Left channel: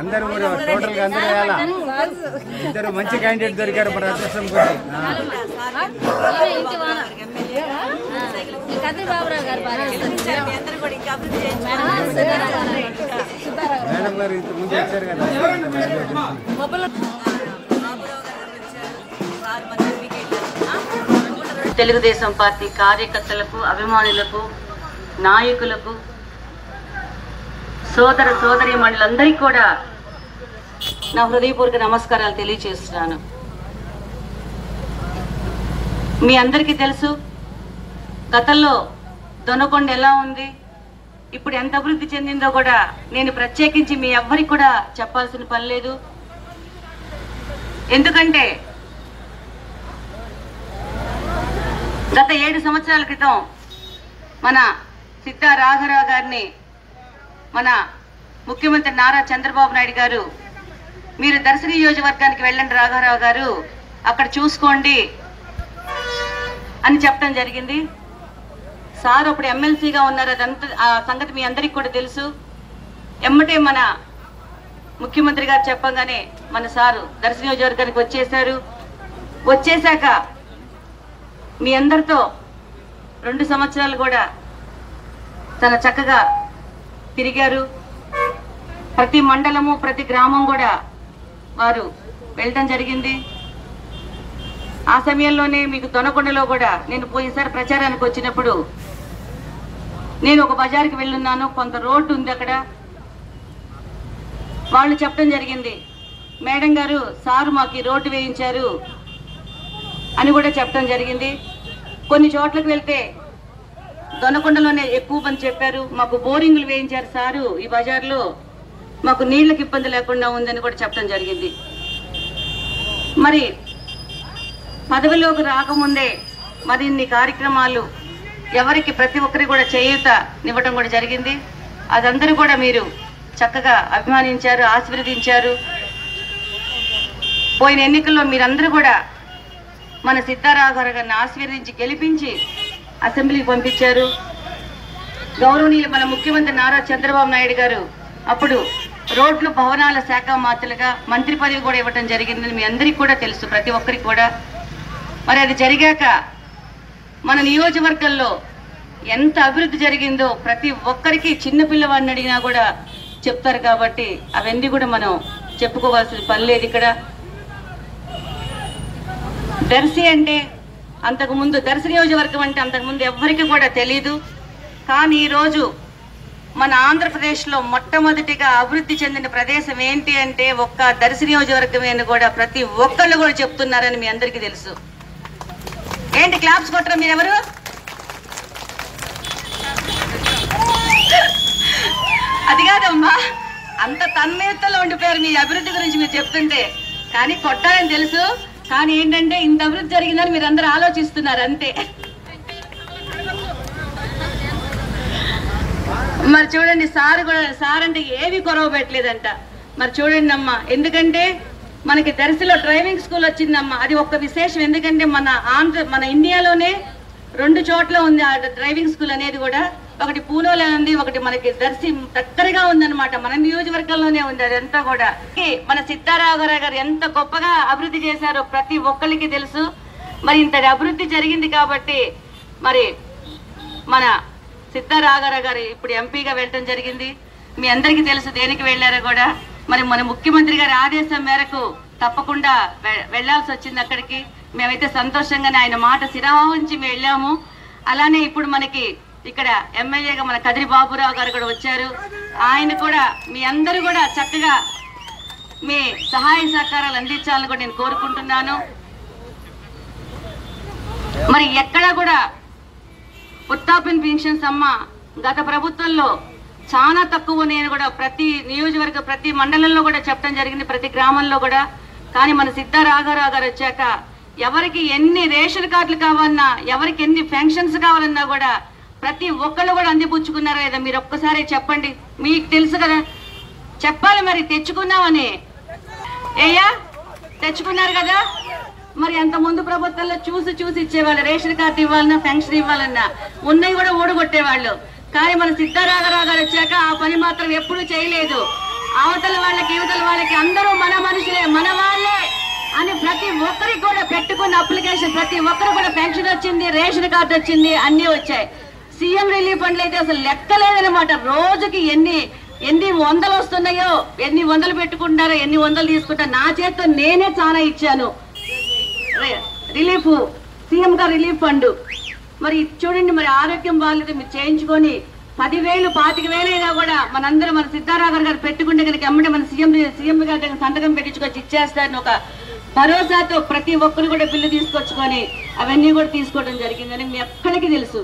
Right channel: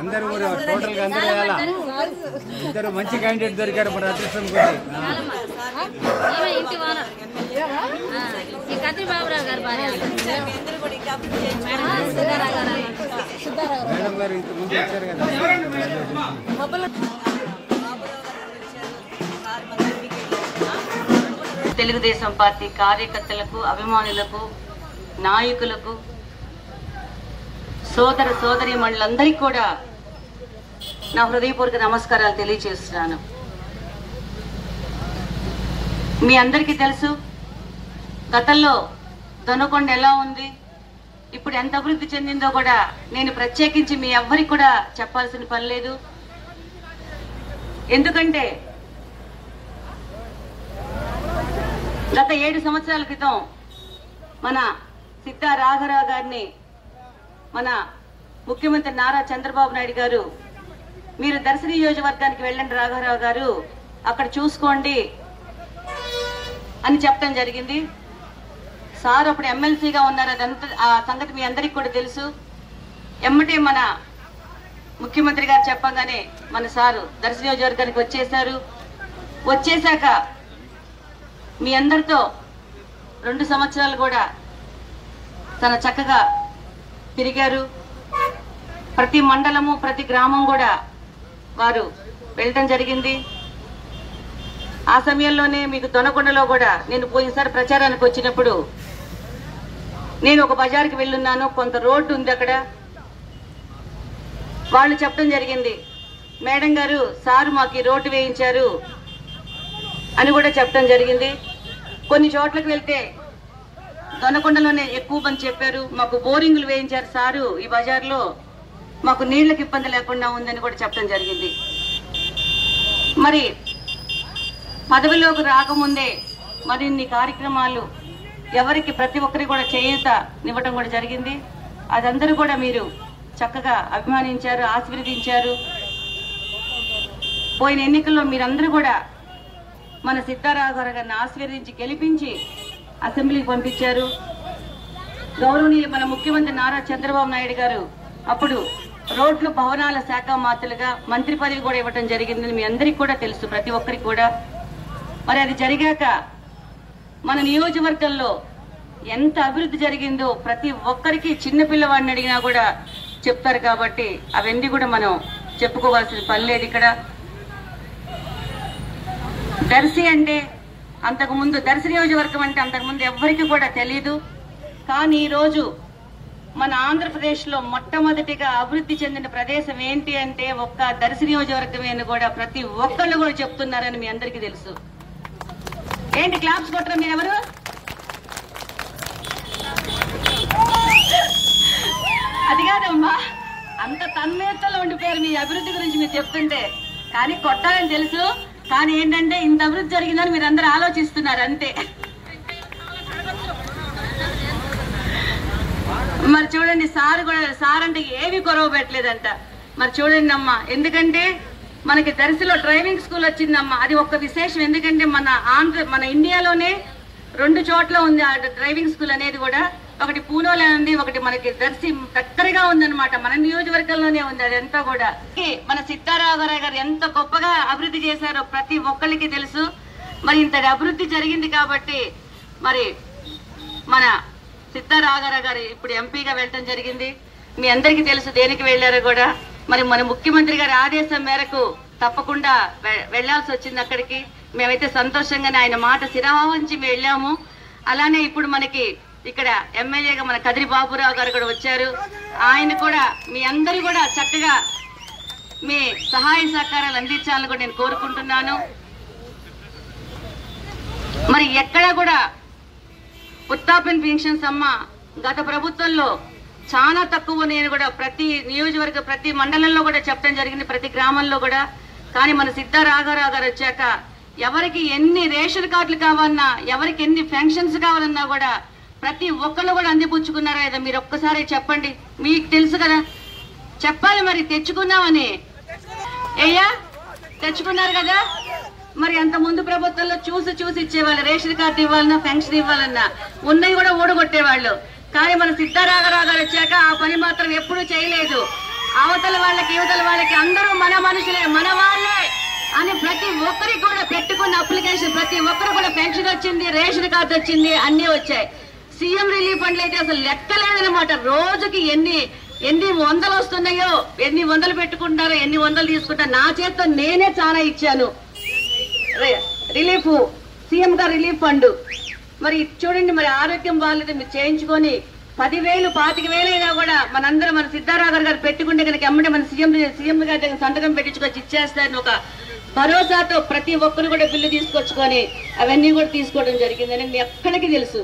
అందరూ కూడా టోటల్ గా అందరూ వేయాలా? ఇద్దరు మంచి క్యాండిడేట్ దొరికారు మన అదృష్టం కొద్ది. మేడం గారు ఇంత ముందు వచ్చారు కదా. తెలుగుదేశం పార్టీ కార్యకర్తలకు, అభిమానులకు, నాయకులకు, సోదర సోదరీమణులందరికీ కూడా నా హృదయపూర్వక నమస్కారాలు తెలియజేస్తున్నాను. మీ అందరికీ తెలుసు గతంలో దొనకొండ ఎలా ఉంది, ఇప్పుడు ఎంత అభివృద్ధి చెందిందో కూడా నేను ప్రత్యేకించి మీ ఎవ్వరికి కూడా చెప్పాల్సిన పని లేదు. ఎందుకంటే గత 7 సంవత్సరాల క్రితం మన సిద్ధా రాఘరావు గారిని మన ముఖ్యమంత్రి నారా చంద్రబాబు నాయుడు గారు, మీరు దర్శి నియోజకవర్గానికి వెళ్ళండి రాఘరావు గారు, అక్కడ చూసుకోండి అని చెప్పడం జరిగింది. సార్ అప్పుడు ఎమ్మెల్సీగా ఉన్నారు, అదంతా ఆ సంగతి మీ అందరికి కూడా తెలుసు. ఎమ్మటే మన ముఖ్యమంత్రి గారు చెప్పగానే మన సారు దర్శి నియోజకవర్గానికి వచ్చేశారు. వచ్చేశాక మీ అందరితో 2 సంవత్సరాలు కూడా చాలా చక్కగా తిరిగారు. ప్రతి మండలము, ప్రతి గ్రామం కూడా వారు వెళ్ళటం జరిగింది. ఆ సమయంలోనే మీకు దొనకొండలో కూడా నేను పోయినసారి ప్రచారానికి వచ్చినప్పుడు నేను ఒక బజార్కి వెళ్ళున్నాను. కొంత రోడ్డు ఉంది అక్కడ. వాళ్ళు చెప్పడం జరిగింది, మేడం గారు సారు మాకు ఈ రోడ్డు వేయించారు అని కూడా చెప్పడం జరిగింది. కొన్ని చోట్లకు వెళ్తే దొనకొండలోనే ఎక్కువ మంది చెప్పారు, మాకు బోరింగ్లు వేయించారు సారు ఈ బజార్లో, మాకు నీళ్లకు ఇబ్బంది లేకుండా ఉందని కూడా చెప్పడం జరిగింది. మరి పదవిలోకి రాకముందే మరిన్ని కార్యక్రమాలు ఎవరికి ప్రతి ఒక్కరికి కూడా చేయూతనివ్వటం కూడా జరిగింది. అదందరూ కూడా మీరు చక్కగా అభిమానించారు, ఆశీర్వదించారు. పోయిన ఎన్నికల్లో మీరందరూ కూడా మన సిద్ధారాఘరావు గారిని ఆశీర్వదించి గెలిపించి అసెంబ్లీకి పంపించారు. గౌరవనీయులు మన ముఖ్యమంత్రి నారా చంద్రబాబు నాయుడు గారు అప్పుడు రోడ్లు భవనాల శాఖ మంత్రులుగా మంత్రి పదవి కూడా ఇవ్వటం జరిగిందని మీ అందరికీ కూడా తెలుసు, ప్రతి ఒక్కరికి కూడా. మరి అది జరిగాక మన నియోజకవర్గంలో ఎంత అభివృద్ధి జరిగిందో ప్రతి ఒక్కరికి చిన్నపిల్లవాడిని అడిగినా కూడా చెప్తారు. కాబట్టి అవన్నీ కూడా మనం చెప్పుకోవాల్సిన పని లేదు. ఇక్కడ దర్శి అంటే అంతకుముందు, దర్శి నియోజకవర్గం అంటే అంతకుముందు ఎవ్వరికి కూడా తెలీదు. కానీ ఈరోజు మన ఆంధ్రప్రదేశ్లో మొట్టమొదటిగా అభివృద్ధి చెందిన ప్రదేశం ఏంటి అంటే ఒక్క దర్శి నియోజకవర్గమే అని కూడా ప్రతి ఒక్కళ్ళు కూడా చెప్తున్నారని మీ అందరికీ తెలుసు. ఏంటి క్లాప్స్ కొట్టరు మీరెవరు? అది కాదమ్మా, అంత తన్మయతలో ఉండిపోయారు మీ అభివృద్ధి గురించి మీరు చెప్తుంటే. కానీ కొట్టాలని తెలుసు, కానీ ఏంటంటే ఇంత అభివృద్ధి జరిగిందని మీరు అందరూ ఆలోచిస్తున్నారు అంతే. మరి చూడండి, సార్ అంటే ఏవి కొరవ పెట్టలేదంట. మరి చూడండి అమ్మా, ఎందుకంటే మనకి దర్శిలో డ్రైవింగ్ స్కూల్ వచ్చిందమ్మా. అది ఒక విశేషం, ఎందుకంటే మన ఇండియాలోనే 2 చోట్ల ఉంది ఆ డ్రైవింగ్ స్కూల్ అనేది కూడా. ఒకటి పూణేలో ఉంది, ఒకటి మనకి దర్శి దగ్గరగా ఉందన్నమాట, మన నియోజకవర్గంలోనే ఉంది. అదంతా కూడా మన సిద్ధారాఘరావు గారు ఎంత గొప్పగా అభివృద్ధి చేశారో ప్రతి ఒక్కరికి తెలుసు. మరి ఇంత అభివృద్ధి జరిగింది కాబట్టి మరి మన సిద్ధారాఘరావు గారు ఇప్పుడు ఎంపీగా వెళ్ళడం జరిగింది. మీ అందరికీ తెలుసు దేనికి వెళ్ళారో కూడా. మరి మన ముఖ్యమంత్రి గారి ఆదేశం మేరకు తప్పకుండా వెళ్లాల్సి వచ్చింది అక్కడికి. మేమైతే సంతోషంగానే ఆయన మాట శిరవహించి వెళ్ళాము. అలానే ఇప్పుడు మనకి ఇక్కడ ఎమ్మెల్యేగా మన కదిరి బాబురావు గారు కూడా వచ్చారు. ఆయన కూడా మీ అందరూ కూడా చక్కగా మీ సహాయ సహకారాలు అందించాలని కూడా నేను కోరుకుంటున్నాను. మరి ఎక్కడా కూడా వృద్ధాప్య పెన్షన్స్ అమ్మ గత ప్రభుత్వంలో చాలా తక్కువ. నేను కూడా ప్రతి నియోజకవర్గ ప్రతి మండలంలో కూడా చెప్పడం జరిగింది, ప్రతి గ్రామంలో కూడా. కానీ మన సిద్ధారాఘరావు గారు వచ్చాక ఎవరికి ఎన్ని రేషన్ కార్డులు కావాలన్నా, ఎవరికి ఎన్ని పెన్షన్స్ కావాలన్నా కూడా ప్రతి ఒక్కళ్ళు కూడా అందిపుచ్చుకున్నారా లేదా మీరు ఒక్కసారి చెప్పండి. మీకు తెలుసు కదా, చెప్పాలి మరి. తెచ్చుకున్నామని తెచ్చుకున్నారు కదా. మరి అంత ముందు ప్రభుత్వంలో చూసి ఇచ్చేవాళ్ళు. రేషన్ కార్డు ఇవ్వాలన్నా, పెన్షన్ ఇవ్వాలన్నా ఉన్నవి కూడా ఊడగొట్టేవాళ్ళు. కానీ మన సిద్ధారాఘరావు గారు వచ్చాక ఆ పని మాత్రం ఎప్పుడూ చేయలేదు. అవతల వాళ్ళకి యువతల వాళ్ళకి అందరూ మన మనుషులే, మన వాళ్ళే అని ప్రతి ఒక్కరికి కూడా పెట్టుకున్న అప్లికేషన్ ప్రతి ఒక్కరు కూడా పెన్షన్ వచ్చింది, రేషన్ కార్డు వచ్చింది, అన్ని వచ్చాయి. సీఎం రిలీఫ్ ఫండ్లు అయితే అసలు లెక్కలేదనమాట. రోజుకి ఎన్ని వందలు వస్తున్నాయో, ఎన్ని వందలు పెట్టుకుంటారో, ఎన్ని వందలు తీసుకుంటారో. నా చేత్తో నేనే చాలా ఇచ్చాను రిలీఫ్, సీఎం గారు రిలీఫ్ ఫండ్. మరి చూడండి, మరి ఆరోగ్యం బాగాలేదు మీరు చేయించుకొని 10,000 25,000 అయినా కూడా మనందరం మన సిద్ధారాఘర్ గారు పెట్టుకుంటే కనుక ఎమ్మటే మన సీఎం గారి దగ్గర సంతకం పెట్టించుకొచ్చి ఇచ్చేస్తారని ఒక భరోసాతో ప్రతి ఒక్కరు కూడా బిల్లు తీసుకొచ్చుకొని అవన్నీ కూడా తీసుకోవడం జరిగిందని మీ ఎక్కడికి తెలుసు.